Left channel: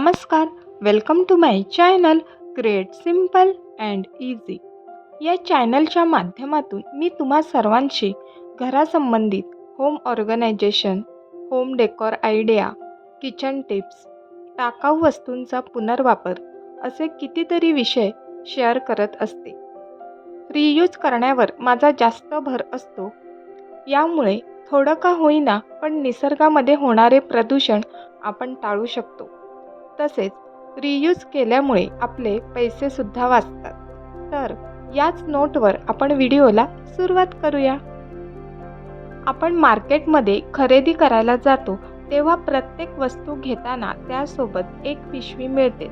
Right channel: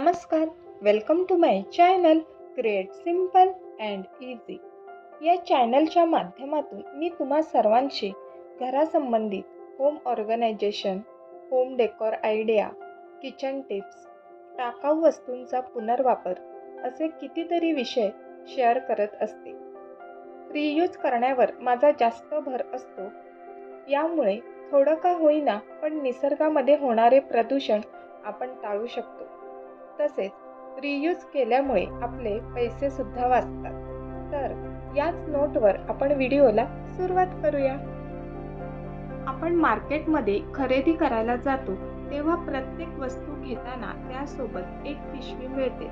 नमस्कार welcome to my channel create simple and easy या चॅनलच्या माध्यमातून मी तुम्हा सर्वांशी घरासंबंधित home organisation home decor idea kitchen tips टाकाऊ वस्तूंचा पुनर्वापर असे कितीतरी विषय शेअर करत असते. रियूज करण्यावर माझा जास्त भर असतो. यामुळे थोडं का होईना पण निसर्गामध्ये होणारे प्रदूषण आपण टाळू शकतो. तसेच रियूज केल्यामुळे आपले पैसेसुद्धा वाचतात. तर याच नोटवर आपण व्हिडिओला सुरुवात करूया. आपण मार्केटमध्ये खरेदी करायला जातो तेव्हा प्रत्येक वस्तू घेताना त्यासोबत एक पिशवी मिळते.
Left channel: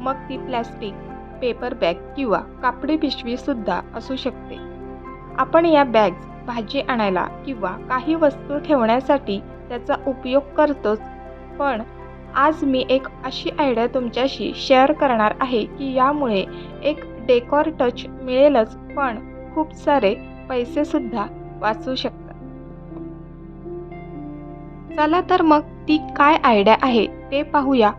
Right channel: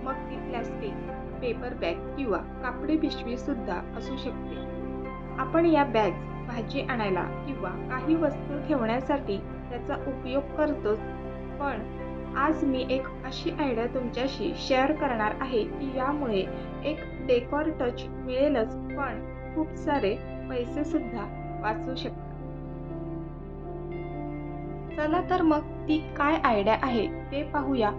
मग ती प्लॅस्टिक पेपर बॅग किंवा कापडी पिशवीसुद्धा असू शकते. आपण या बॅग्स भाजी आणायला किंवा काही वस्तू ठेवण्यासाठी त्याचा उपयोग करतोच. पण आज मी एक अशी आयडिया तुमच्याशी शेअर करणार आहे की यामुळे एक डेकॉर टच मिळेलच पण खूप सारे पैसेसुद्धा वाचू शकतात. चला तर मग ती काय आयडिया आहे ते पाहूया.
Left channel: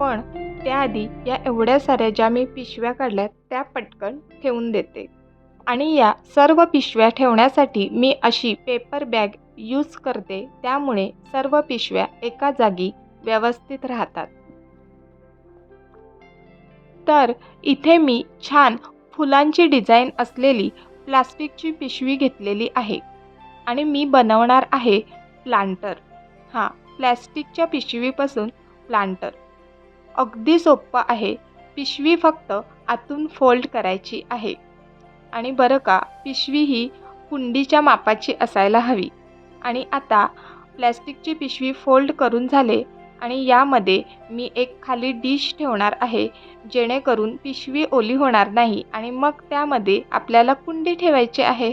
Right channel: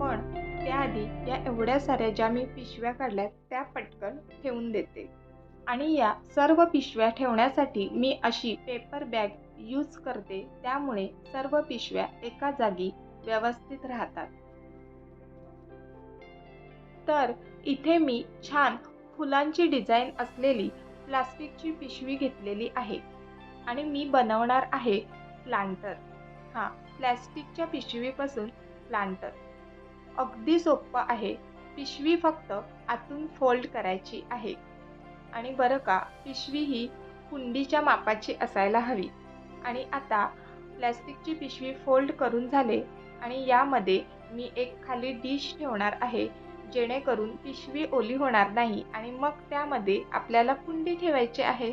पण त्याआधी या एवढ्या साऱ्या ज्या मी पिशव्या काढल्या त्या पटकन ठेवून देते. आणि या सर्व पिशव्या ठेवण्यासाठी मी अशी पेपर बॅग यूज करते. त्यामुळे सर्व पिशव्या एका जागी व्यवस्थित राहतात. तर इथे मी छान फुलांची डिझाईन असलेली प्लास्टिकची पिशवी घेतलेली आहे आणि मी बनवणार आहे प्लांटर. हां प्लॅस्टिकच्या पिशवीपासून प्लांटर. अगदी सोपं आहे. पिशवी फक्त आतून फोल्ड करायची आहे. आणि बरं का पिशवी ही कुंडीच्या मापाची असायला हवी. आणि आता प्लॅस्टिकची पिशवी फोल्ड करून झाले आणि यामध्ये मी एक खाली डिश ठेवणार आहे जेणेकरून पिशवी ओली होणार नाही आणि मग त्यामध्ये आपल्याला कुंडी ठेवायची आहे.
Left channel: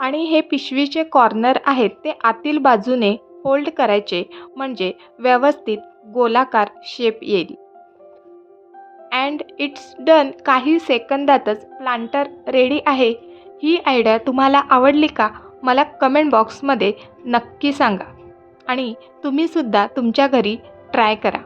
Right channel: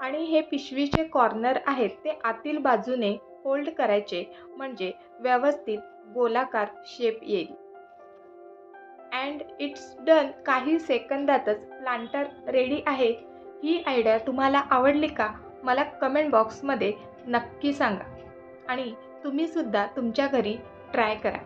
आणि हे पिशवीचे कॉर्नर आहेत ते आतील बाजूने फोल्ड करायचे म्हणजे व्यवस्थित गोलाकार शेप येईल. अँड इट्स डन काही सेकंदातच प्लांटर रेडी आहे. ही आयडिया तुम्हाला आवडली का? मला कमेंट बॉक्समध्ये नक्की सांगा. आणि तुम्हीसुद्धा तुमच्या घरी ट्राय करा.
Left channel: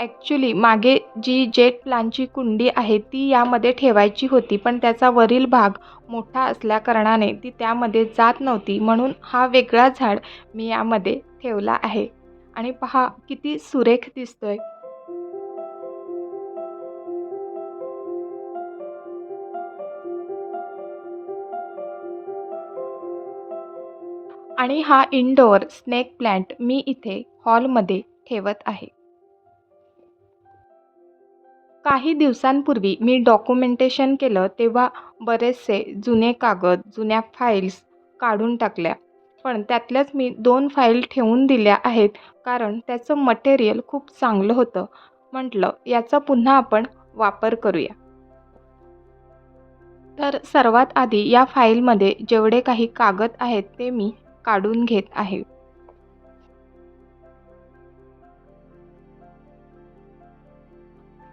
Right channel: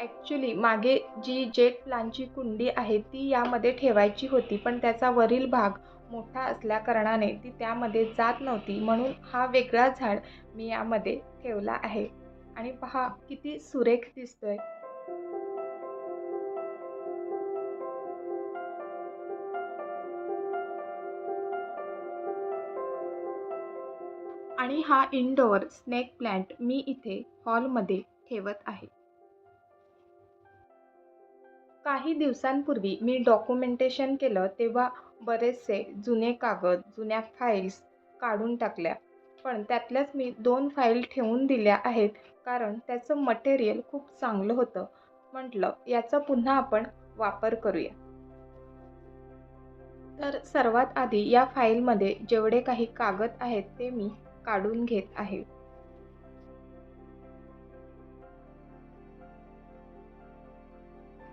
ॲक्च्युली मागे जी जेट प्लांटची कुंडी आहे ती यामध्ये ठेवायची होती पण त्याचा वरील भाग मोठा असल्याकारणाने ती त्यामध्ये जात नव्हती. म्हणून हा वेगळा झाड मी यामध्ये ठेवला आहे. आणि पहा किती सुरेख दिसतोय. आणि हा इनडोअर स्नेक प्लॅन्ट मी इथे हॉलमध्ये ठेवत आहे. काही दिवसांपूर्वी मी डॉक्युमेंटेशन केलं तेव्हा बरेचसे जुने कागद जुन्या फाईल्स काढून टाकल्या. पण त्यातल्याच मी दोन फाईल ठेवून दिल्या आहेत कारण त्याचं मटेरियल खूप चांगलं होतं. म्हटलं याचा पुन्हा आपण वापर करूया. तर सर्वात आधी या फाईलमध्ये जेवढे काही कागद आहेत ते मी काढून घेत आहे.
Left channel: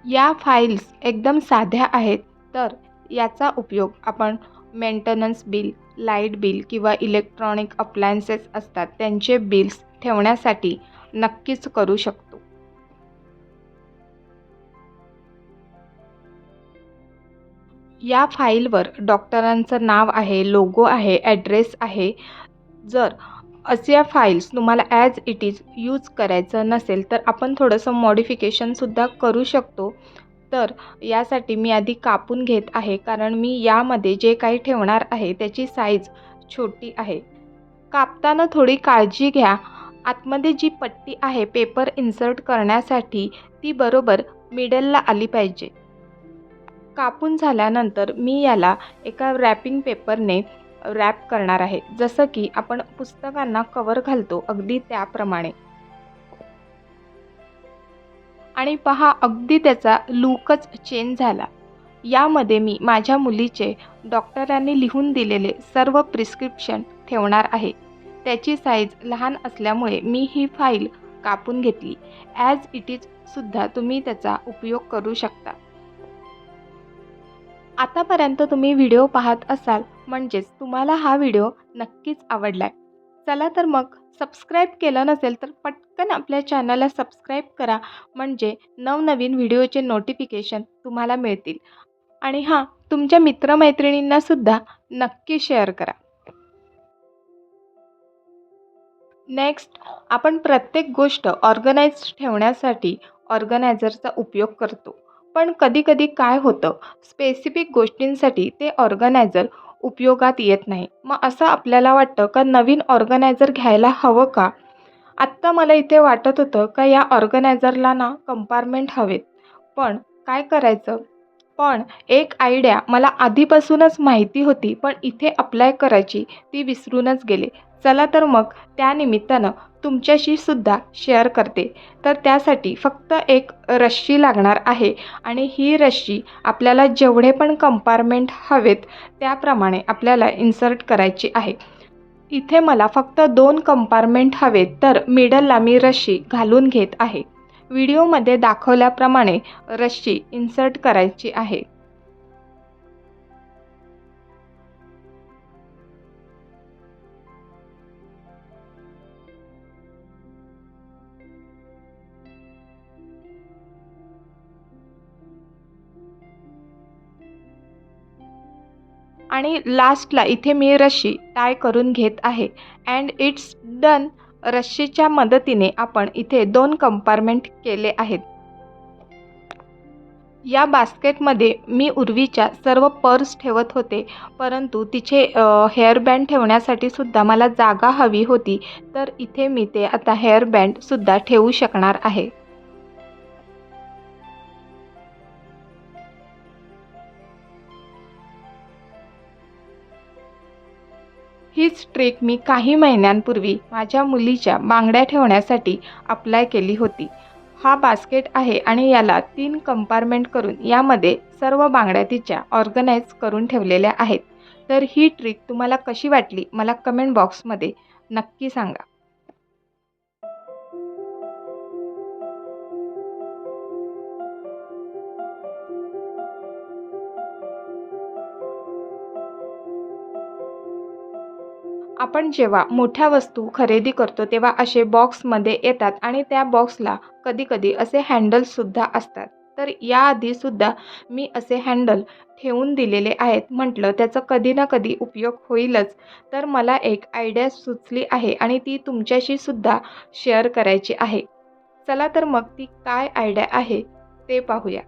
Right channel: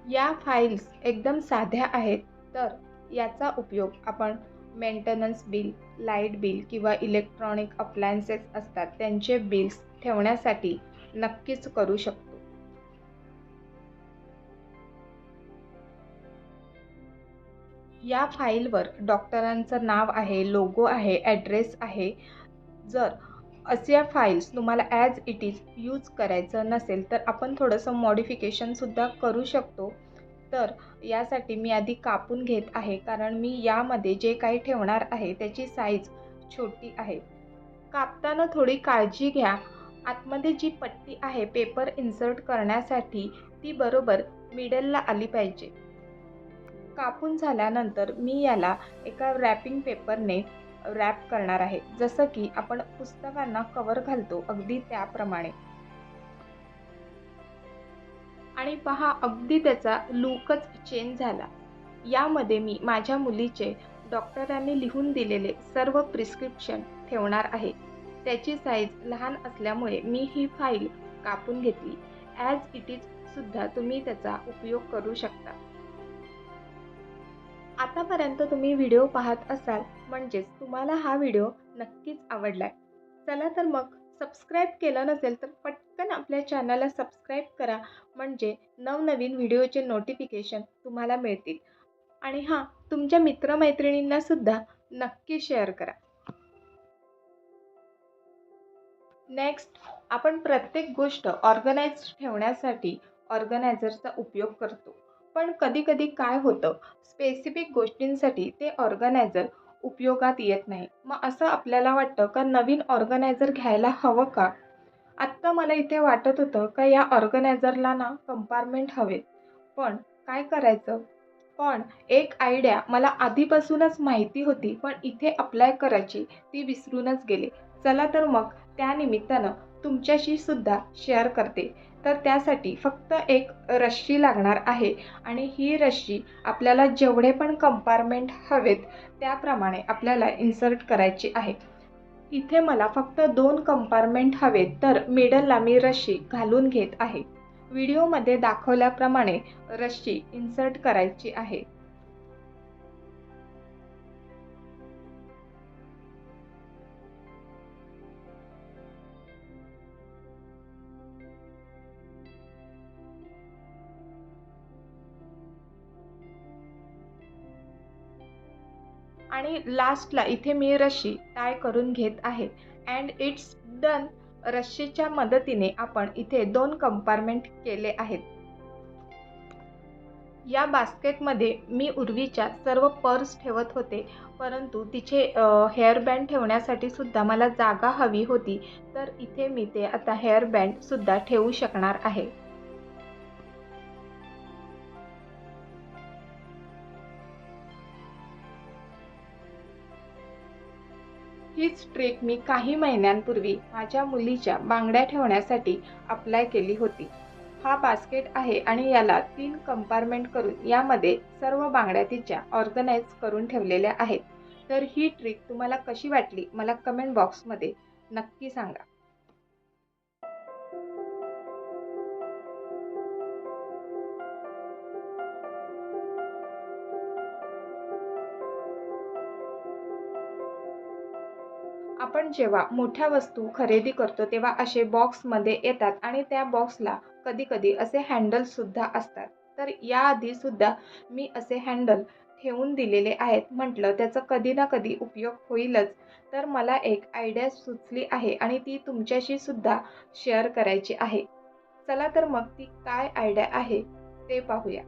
या फाईल्स एकदम साध्या आहेत तर याचा उपयोग आपण मेंटेनन्स बिल लाइट बिल किंवा इलेक्ट्रॉनिक अप्लायन्सेस असतात त्यांचे बिल्स ठेवण्यासाठी नक्कीच करू शकतो. या फाईलवर डॉक्टरांचं नाव आहे लोगो आहे ॲड्रेस आहे जर अशा फाईल्स तुम्हाला ॲज इट इज यूज करायचं नसेल तर आपण थोडंसं मॉडिफिकेशनसुद्धा करू शकतो. तर यासाठी मी आधी कापून घेत आहे कारण मी यामध्ये जे काही ठेवणार आहे त्याची साईज छोटी आहे. कापताना थोडी काळजी घ्या. आतमध्ये जी पट्टी आहे पेपर इन्सर्ट करण्यासाठी ती बरोबर मिडलला आली पाहिजे. कापून झाल्यानंतर मी याला एका रॅपिंग पेपरने रॅप करणार आहे. जसं की आपण पुस्तकांना कवर घालतो अगदी त्याप्रमाणे. आणि पहा अगदी त्याचा लूकच चेंज झाला. यामध्ये मी माझ्या मुलीचे डॉक्टरांनी लिहून दिलेले सर्व प्रिस्क्रिप्शन ठेवणार आहे. त्याची साईज लहान असल्यामुळे मी ही फाईल कापून घेतली. ॲज इट इज सुद्धा तुम्ही त्याचा उपयोग करू शकता. आतापर्यंत तुम्ही व्हिडिओ पाहत असाल म्हणजेच तुम्हाला हा व्हिडिओ नक्कीच आवडला आहे चला तर मग सबस्क्राईब केलं नसेल तर पटकन आपल्या चॅनलला सबस्क्राईब करा म्हणजे नवनवीन व्हिडिओचे नोटिफिकेशन तुम्हाला मिळतील. आणि हां तुमच्या मित्रमैत्रिणींनासुद्धा नक्की शेअर करा. नेक्स्ट आपण प्रत्येक गोष्ट ऑर्गनाईज ठेवण्यासाठी ऑर्गनायझरचा उपयोग करतो. पण कधीकधी काय होतं स्पेसिफिक गोष्टींसाठी ते ऑर्गनायझर उपयोगात येत नाही. मग असं आपल्याला वाटतं का नवीन ऑर्गनायझर घ्यायला हवं का? आत्ता मला इथे वाटत होतं का या ऑर्गनायझरला ना कंपार्टमेंट हवेत. पण काय करायचं? पण एक आयडिया मला आधीपासूनच माहिती होती पण इथे अप्लाय करायची ती विसरूनच गेले. चला तर मग त्यानिमित्तानं तुमच्याशी सुद्धा शेअर करते. तर त्यासाठी फक्त एक रश्शी लागणार आहे आणि ही रश्शी आपल्याला जेवढे पण कंपार्टमेंट हवेत त्याप्रमाणे आपल्याला इन्सर्ट करायची आहे. इथे मला फक्त दोन कंपार्टमेंट हवेत तर मिडलला मी रश्शी घालून घेत आहे. व्हिडिओमध्ये दाखवल्याप्रमाणे रश्शी इन्सर्ट करायची आहे. आणि लास्टला इथे मी रश्शी टाय करून घेत आहे. अँड इट्स डन रश्शीच्या मदतीने आपण इथे दोन कंपार्टमेंट केले आहेत. या बास्केटमध्ये मी उर्वीच्या सर्व पर्स ठेवत होते. परंतु तिचे हेअरबँड ठेवण्यासाठी सुद्धा मला जागा हवी होती. तर इथे मी ते आता हेअरबँडसुद्धा ठेवू शकणार आहे. हीच ट्रेक मी काही महिन्यांपूर्वी माझ्या मुलीच्या बांगड्या ठेवण्यासाठी अप्लाय केली होती. हा बास्केट आहे आणि याला तीन कंपार्टमेंट करून यामध्ये सर्व बांगड्या तिच्या ऑर्गनाईज करून ठेवलेल्या आहेत. तर ही ट्रिक तुम्हाला कशी वाटली? मला कमेंट बॉक्समध्ये नक्की सांगा. आपण जेव्हा मोठ्या वस्तू खरेदी करतो तेव्हा असे बॉक्समध्ये येतात आणि त्या बॉक्सला कधीकधी असे हँडलसुद्धा असतात. तर याआधीसुद्धा मी असे हँडल ठेवून दिलेले आहेत. म्हटलं त्याचा कधी ना कधी उपयोग होईलच. तर मला एक आयडिया सुचली आहे आणि ती तुमच्याशी सुद्धा शेअर करायची आहे. चला तर मग ती काय आयडिया आहे ते पाहूया.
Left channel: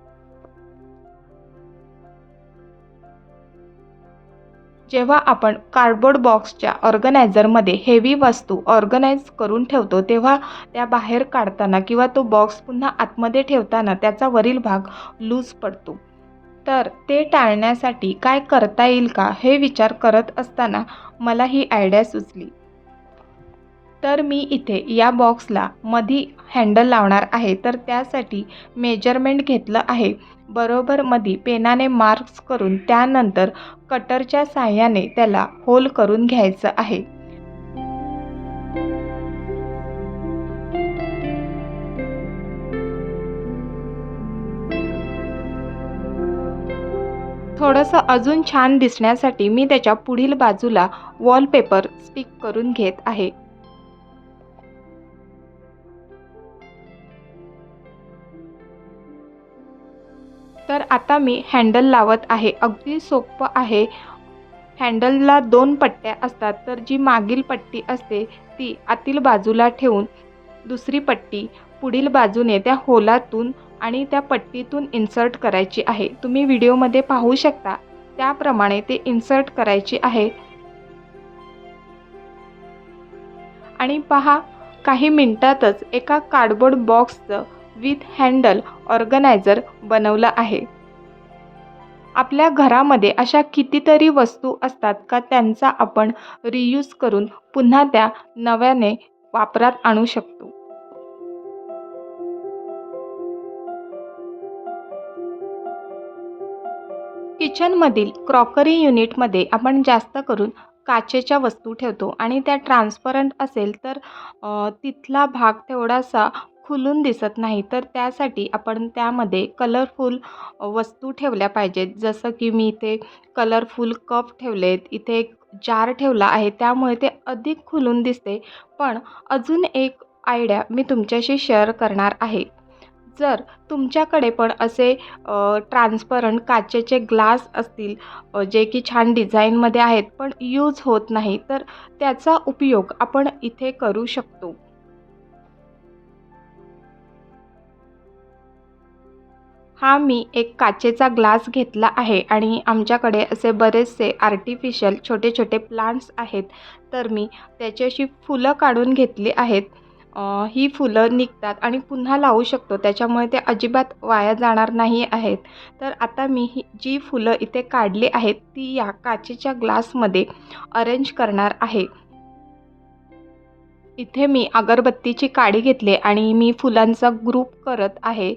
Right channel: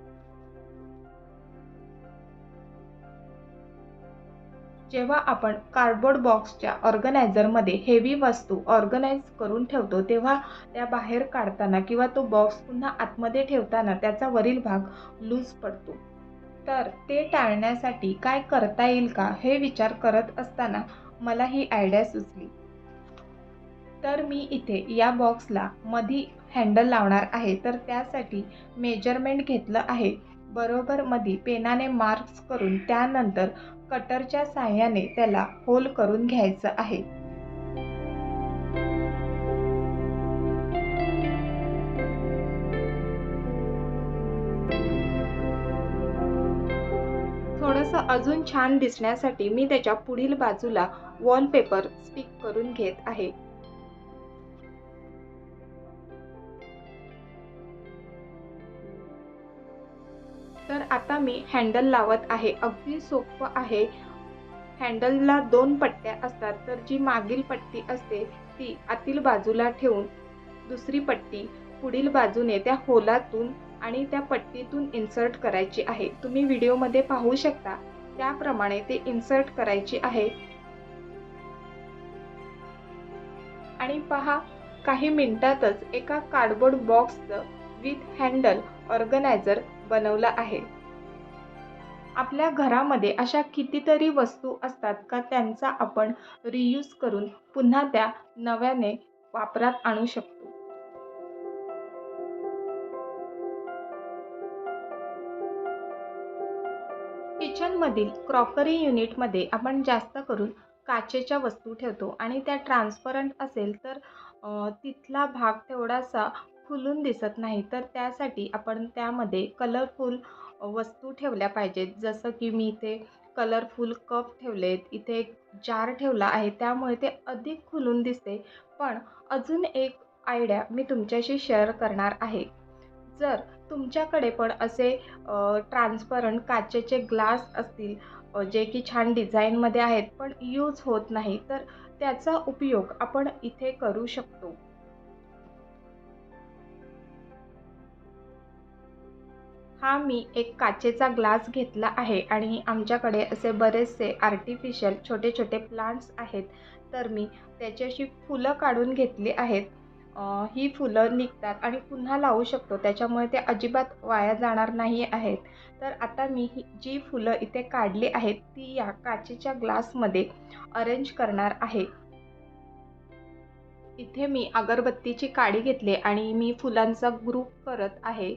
जेव्हा आपण कार्डबोर्ड बॉक्सच्या ऑर्गनायझरमध्ये हेवी वस्तू ऑर्गनाईज करून ठेवतो तेव्हा त्या बाहेर काढताना किंवा तो बॉक्स पुन्हा आतमध्ये ठेवताना त्याचा वरील भाग लूज पडतो. तर ते टाळण्यासाठी काय करता येईल का हे विचार करत असताना मला ही आयडिया सुचली. तर मी इथे या बॉक्सला मधी हँडल लावणार आहे तर त्यासाठी मेजरमेंट घेतलं आहे. बरोबर मधी पेनाने मार्क्स करून त्यानंतर कटरच्या साह्याने त्याला होल करून घ्यायचं आहे. थोडंसं अजून छान दिसण्यासाठी मी त्याच्या पुढील बाजूला वॉलपेपर स्टिक करून घेत आहे. आता मी हँडल लावत आहे. अगदी सोपं आहे. हँडलला दोन पट्ट्या असतात. तर जी मागील पट्टी असते ती आतील बाजूला ठेवून दुसरी पट्टी पुढील बाजूने त्या होलातून आणि त्या पट्टीतून इन्सर्ट करायची आहे. तुम्ही व्हिडिओमध्ये पाहू शकता. त्याप्रमाणे ते इन्सर्ट करायची आहे. आणि पहा काही मिनटातच एका कार्डबोर्ड बॉक्सचं विथ हँडल ऑर्गनायझर बनवलं आहे. आपल्या घरामध्ये अशा कितीतरी वस्तू असतात का त्यांचा आपण रियूज करून पुन्हा त्या नव्याने वापरात आणू शकतो? किचनमधील क्रॉकरी युनिटमध्ये आपण जास्त करून काचेच्या वस्तू ठेवतो आणि त्या ट्रान्सपरंट असेल तर तिथला भाग तेवढासा खुलून दिसत नाही तर त्यासाठी आपण त्यामध्ये कलरफुल वस्तू ठेवल्या पाहिजेत. जसं की मी इथे कलरफुल कप ठेवलेत इथे एक जार ठेवला आहे त्यामुळे ते अधिक खुलून दिसते. पण अजून एक आयडिया मी तुमच्याशी शेअर करणार आहे. जर तुमच्याकडे पण असे ट्रान्सपरंट काचेचे ग्लास असतील जे की छान डिझाईनमध्ये आहेत पण यूज होत नाही तर त्याचा उपयोग आपण इथे करू शकतो. हा मी एक काचेचा ग्लास घेतला आहे आणि आमच्याकडे असे बरेचसे आर्टिफिशियल छोटे छोटे प्लांट्स आहेत. तर मी त्याची अशी फुलं काढून घेतली आहेत. ही फुलं निघतात आणि पुन्हा लावू शकतो. त्याच्यामुळे ते अजिबात वाया जाणार नाही आहेत. तर आता मी ही जी फुलं इथे काढली आहेत ती या काचेच्या ग्लासमध्ये अरेंज करणार आहे. इथे मी अगरबत्तीची काडी घेतली आणि मी फुलांचा ग्रुप करत आहे.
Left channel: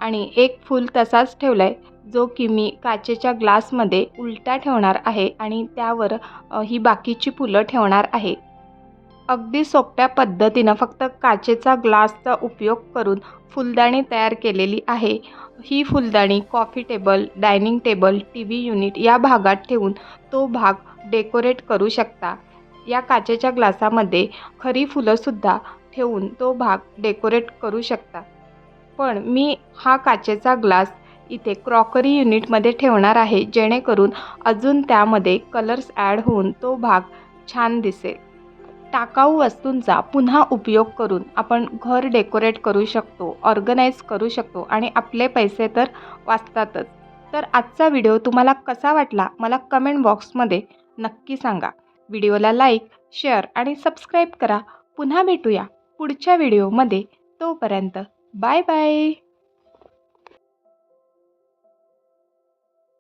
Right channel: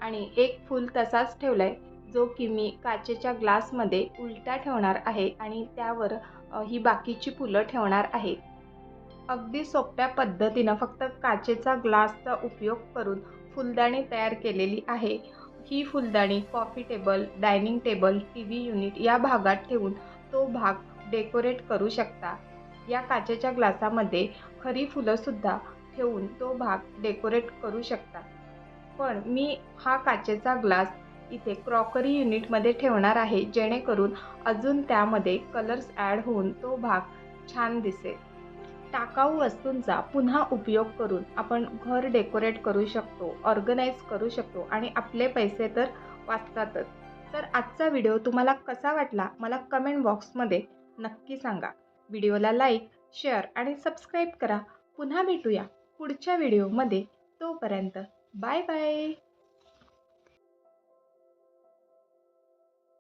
आणि एक फूल तसाच ठेवला आहे जो की मी काचेच्या ग्लासमध्ये उलटा ठेवणार आहे आणि त्यावर ही बाकीची फुलं ठेवणार आहे. अगदी सोप्या पद्धतीनं फक्त काचेचा ग्लासचा उपयोग करून फुलदाणी तयार केलेली आहे. ही फुलदाणी coffee table dining table T V unit या भागात ठेवून तो भाग डेकोरेट करू शकता. या काचेच्या ग्लासामध्ये खरी फुलंसुद्धा ठेवून तो भाग डेकोरेट करू शकता. पण मी हा काचेचा ग्लास इथे क्रॉकरी युनिटमध्ये ठेवणार आहे जेणेकरून अजून त्यामध्ये कलर्स ॲड होऊन तो भाग छान दिसेल. टाकाऊ वस्तूंचा पुन्हा उपयोग करून आपण घर डेकोरेट करू शकतो ऑर्गनाईज करू शकतो आणि आपले पैसे तर वाचतातच. तर आजचा व्हिडिओ तुम्हाला कसा वाटला मला कमेंट बॉक्समध्ये नक्की सांगा. व्हिडिओला लाईक शेअर आणि सबस्क्राईब करा. पुन्हा भेटूया पुढच्या व्हिडिओमध्ये. तोपर्यंत Bye bye.